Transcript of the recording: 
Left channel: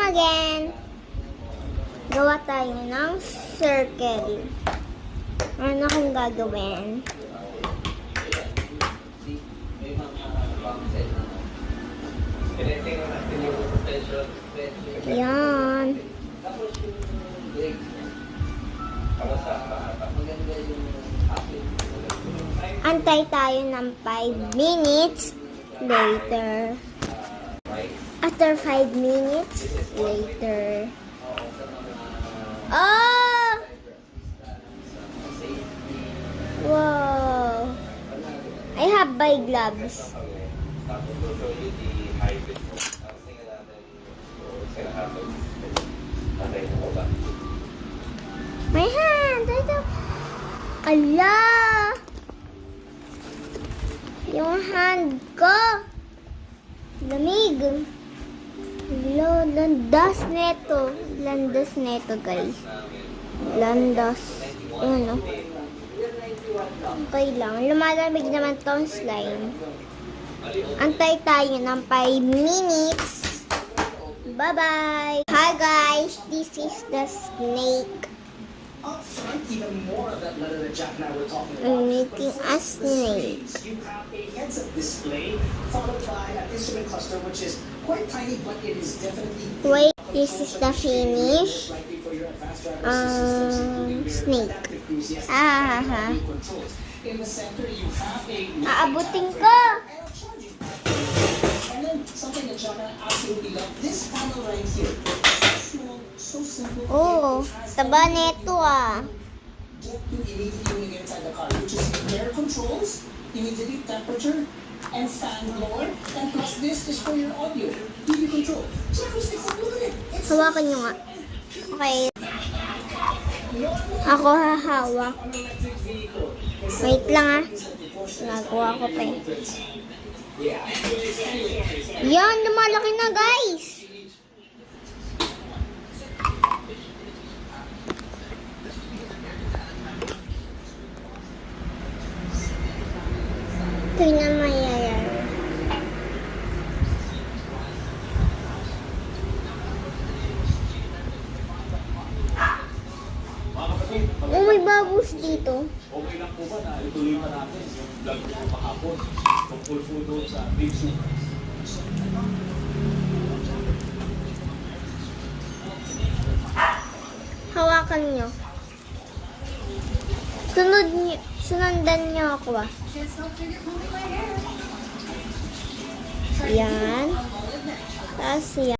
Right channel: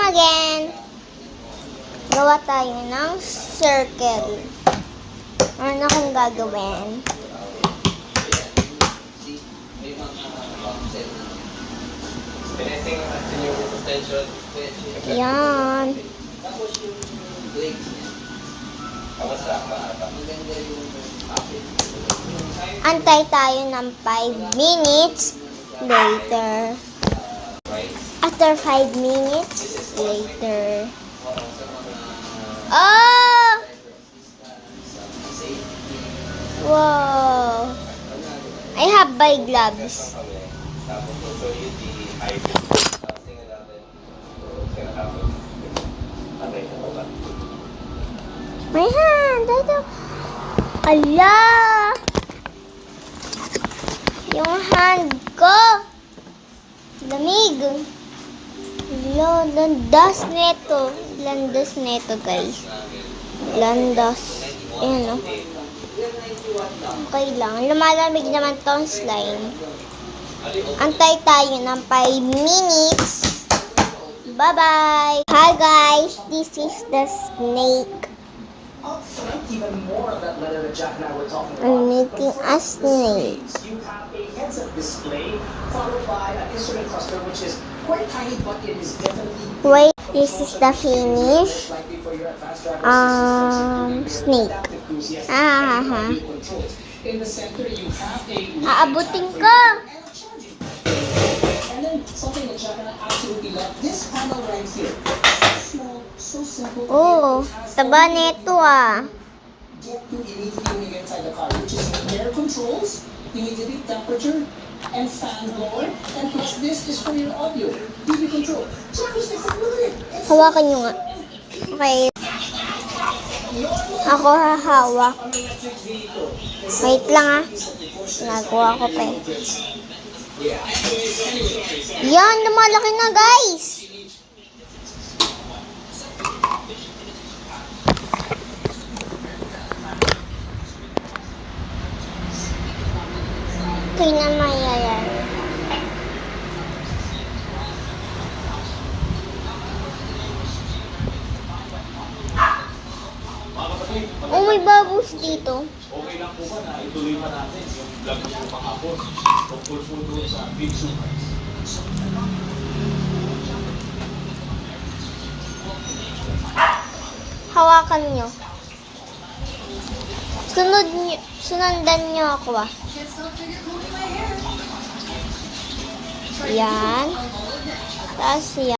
Come again. Gawa tayo ng circle. Ano kung gagawin? Yan. Antay tayo ng 5 minutes later. After 5 minutes later. Oh! Wow! I have my gloves. My hand! Ito. Ala! Yung hand ko. Lamig. Ala, landas neto. Landas neto, guys. Landas. Ayan, o. Okay lang. Lumalamig naman tong slime. Antay tayo ng 5 minutes. Bye-bye! Hi guys! This is the snake. I'm making a snake. You have a heads-up display followed by an instrument cluster which is quite tiny, but it is definitely. Wait, this is the finish. Snake. Ah. In the center, you have a. Aabutin ko. And then something that Jacka absolutely love. This panel right here. Small, so simple. Oh, taba neto ah. Get to immediately when you get inside the car, which is air controls, humidity, temperature, and fan blower. And plus this is for your audio, TV control. Check this thing, look at it. Hawakan nyo nga. Okay. Ako hahawak. Wait lang ah. Nagawa ko pa eh. Yan, lumalaki na guys. Okay na mayayari. Oh, may babos dito. Okay lang po ba na ituloy pa natin yung vlog po kahapon tungkol po doon sa Big Super? Hawakan nyo. Sunundan nyo ako ah. Yan. Tapos yan.